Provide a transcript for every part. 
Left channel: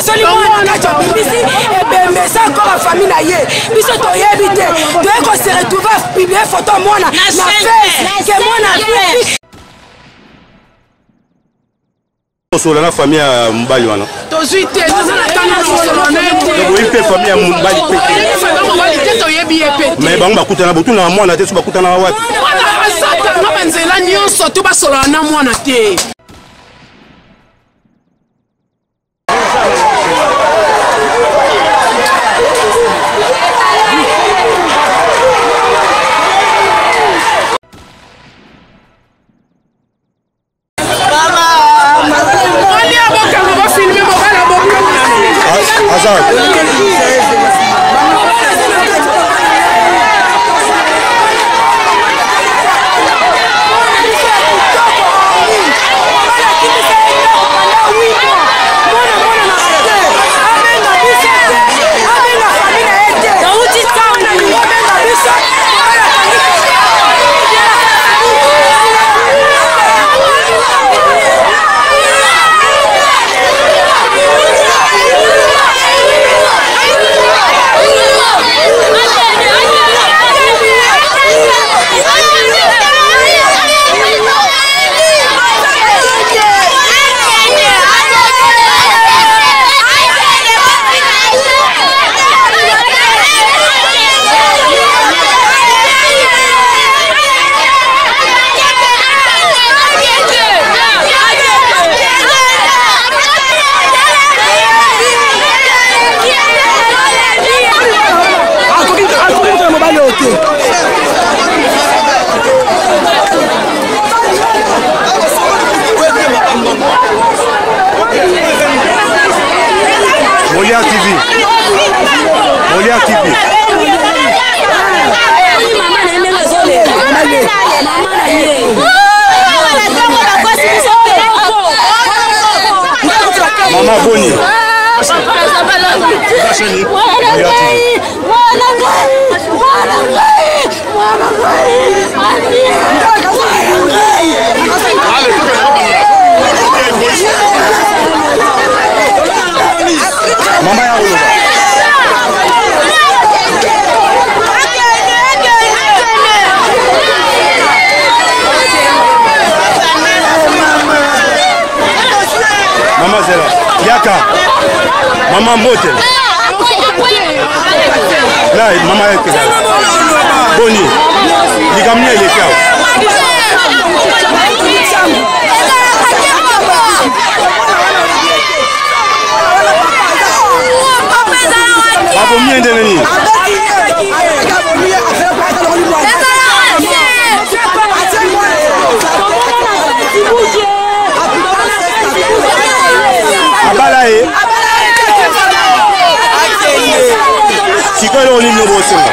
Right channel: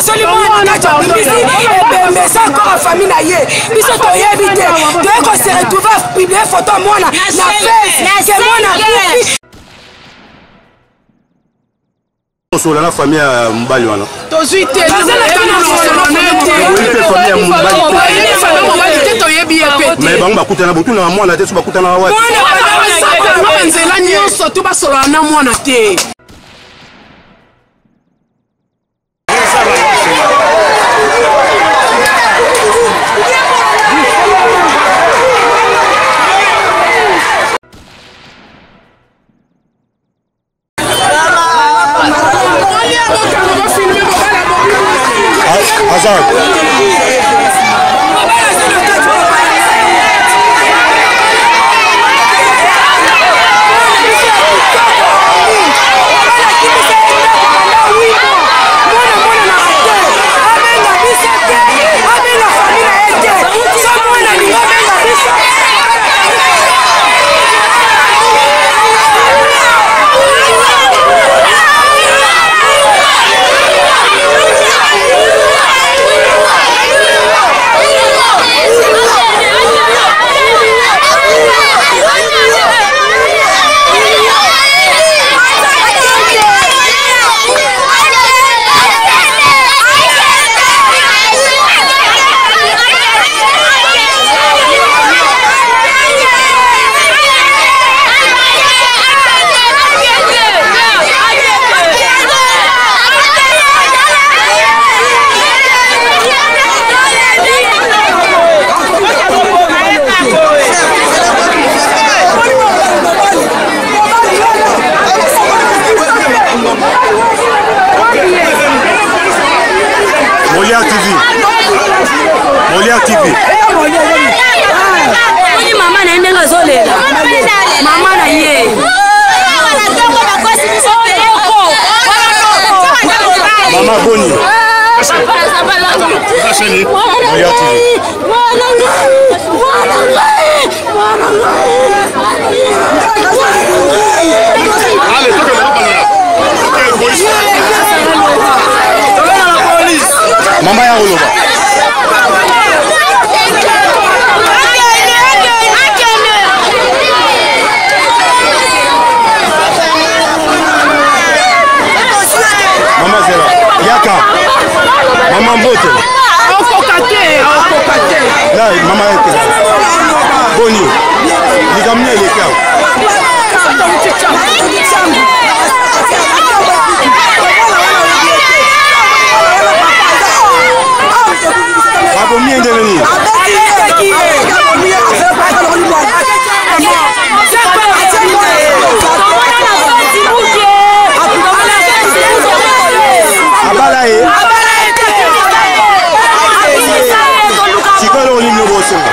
basoli mwana kacho bibisi ebembe ça encore famille na ye biso to yebite to eko se retrouver publier photo mwana na face que mwana bibi solo na famille ya Mobali wana tozuite tozala tana na solo na te oui pe famille ya Mobali pe famille Mobali te to yebi epete mais bango bakutana botuna mwana te so bakutana wapi mwana asaka na banzela nyonso to basolo na mwana te Azar. Molia TV. Molia TV. Mama na ndenga zole. Mama na ye. Mama Boni. Molia TV. Allez, toque la Mama ya Oloba. Mama Zela. Yaka. Mama Mbote. Là, Mama Yaka. Boni. Nikamne ile kao. Abomi est devenu. Abalaye. Sikolo ni no bosenga.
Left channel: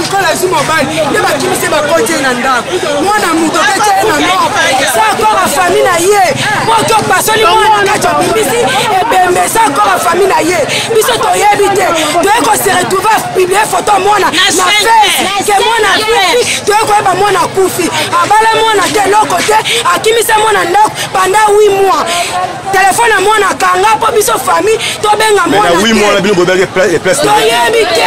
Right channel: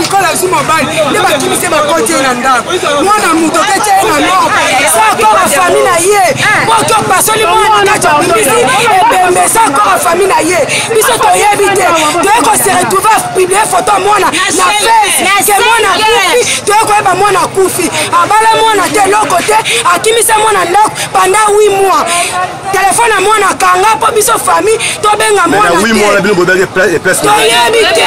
Likolo azwi Mobali nde bakimise bakoti ye na ndako mwana moto oketi ye na mort sa encore afamille na ye moki opasoli mwana kati obimbisi ebembe sa encore afamille na ye biso toyebi te toye kose retrouve apiblie foto mwana na fese ke mwana akufi toye koyeba mwana akufi abala mwana te eloko te akimise mwana ndako panda 8 mois telefone ya mwana akanga mpo biso famille tobenga mwana toyebi te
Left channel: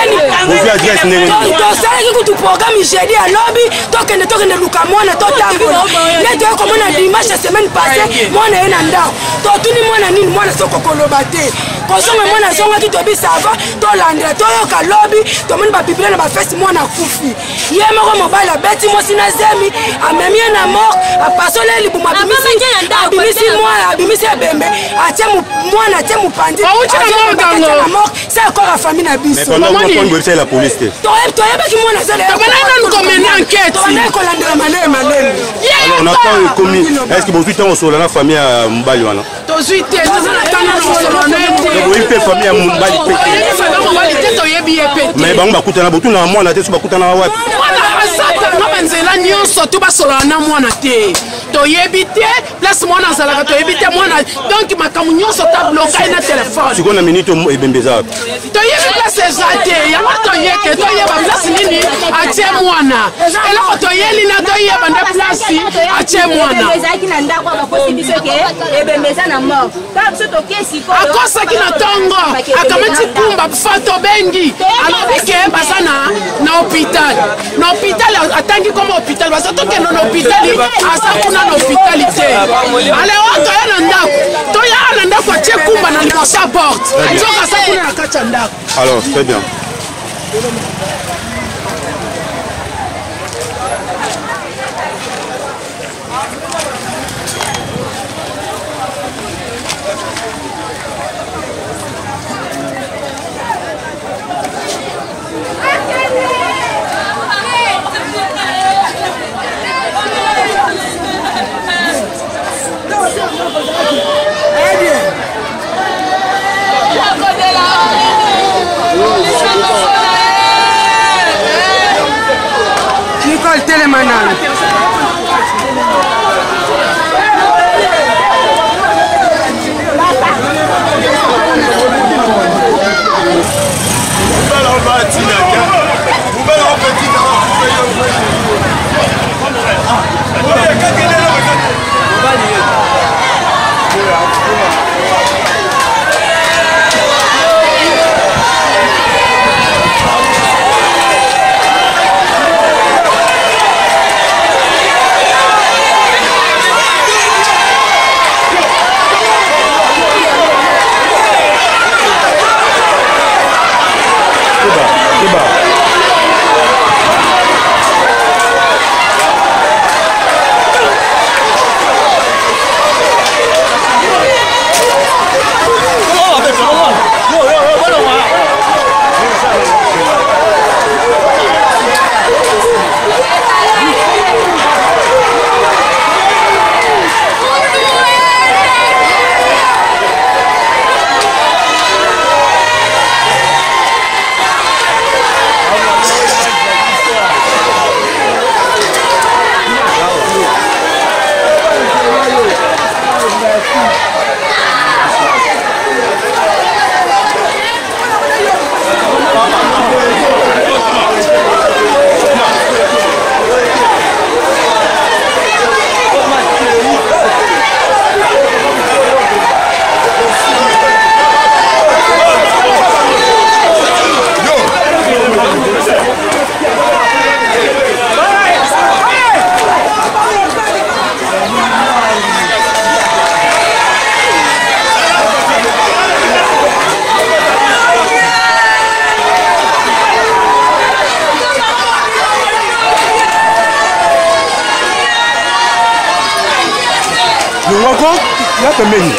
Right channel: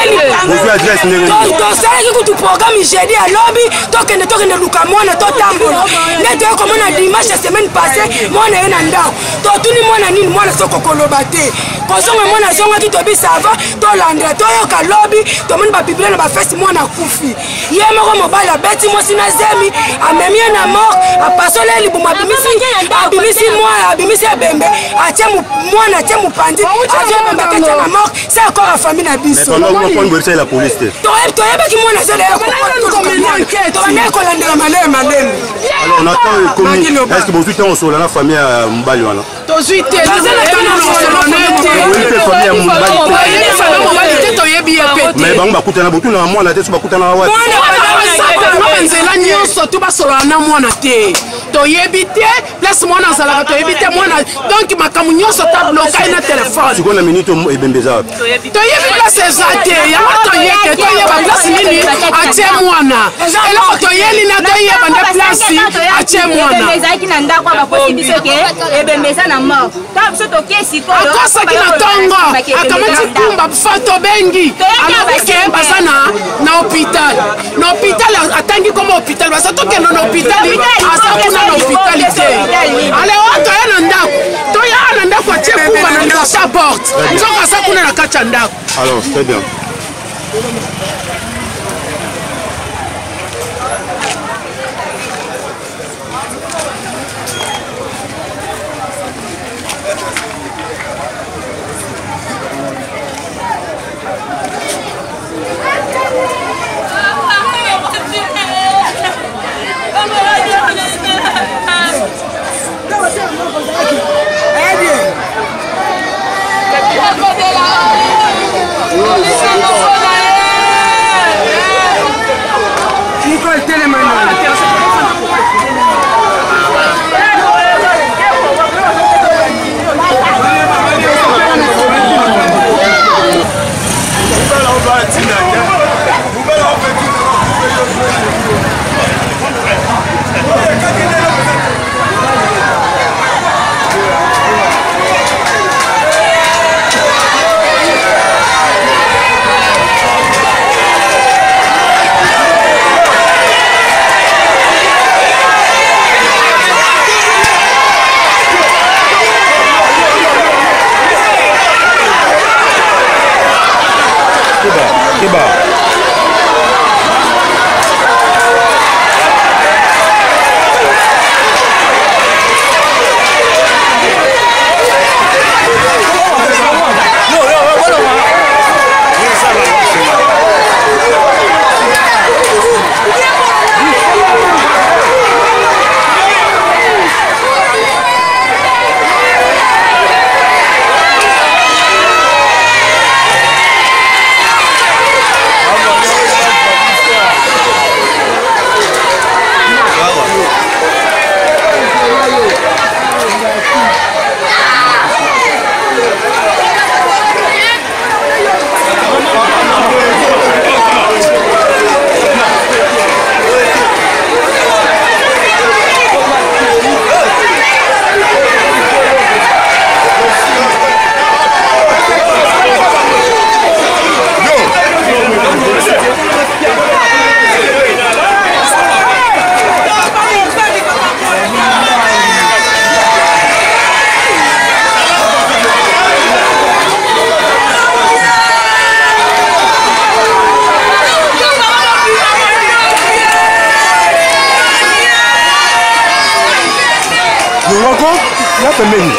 tosalaki kutu programme jeudi alobi tokende luka mwana totambola nde toye komona dimanche semaine passé mwana ye na ndako totuni mwana nini mwana soko koloba te kozonga mwana azongaki tobisava tolandela toyoka lobi tomoni babiblia na bafesi mwana akufi ye moko Mobali abeti mwasi na Zemi amemi ye na mort apasoli ye libumu abimisi ebembe atie mwana atie mopanzi azobembe kati na mort se akora famille na biso toyebaki mwana tobandaki kolandela maleme alors on attend commis est-ce que bozwi ntango osola na famille ya Mobali wana tozwi te toza na ntango na osolone te oyebi mpe famille ya Mobali toyebi famille ya Mobali te toyebi ye pe te mais bango bakutana botuna mwana te so bakutana wapi mwana basatanga banzela nyonso to basolola na mwana te toyebi te place mwana azalaka toyebi te mwana donc makambo nyonso tabloka ye na telefone sikoyo na minute ebembeza wapi toyebi place eza te yango toye te toyeba place nini atie mwana eloko toyeli na toyeba nde place atie mwana akosaki na ntongo akamati kumba fato bengi alobi ke baza na hôpital na hôpital atangi koma hôpital baza tokende na hôpital aza kuna na hôpital te alewa toya na ndako toya na ndako atie kumba na liboso ya porte nzoka aza kuna na kati ya ndako. Alors très bien. Ya pembeni.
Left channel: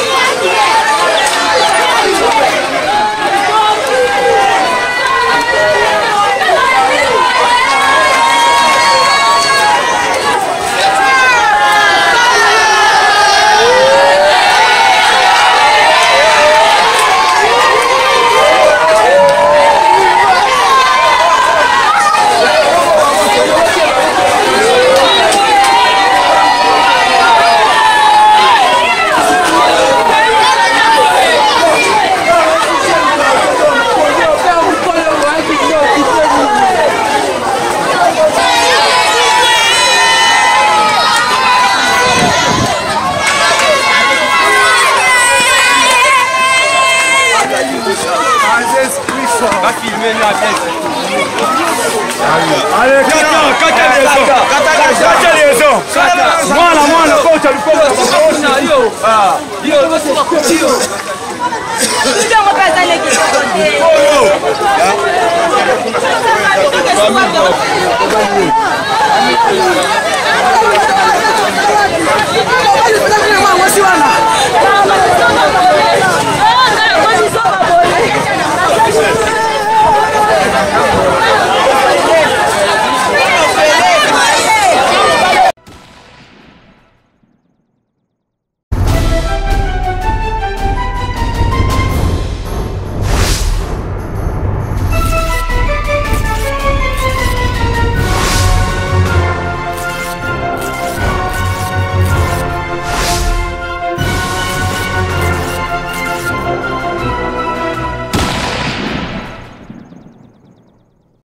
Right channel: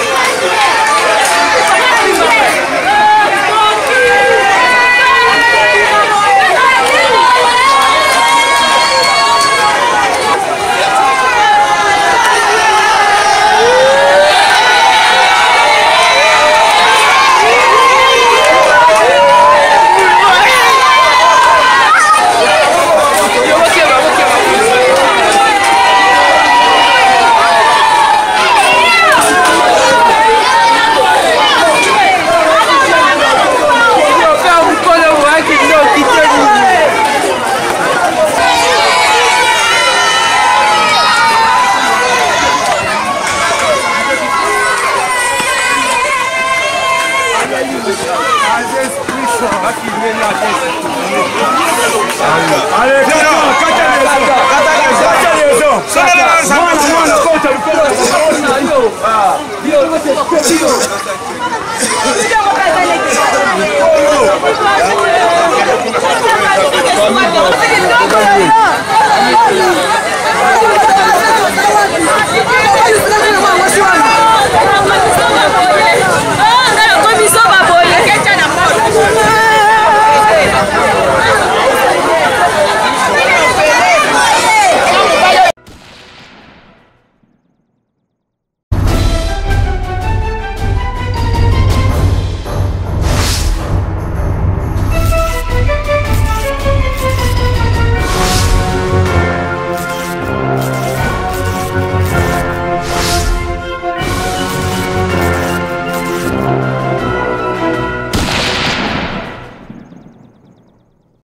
Allez,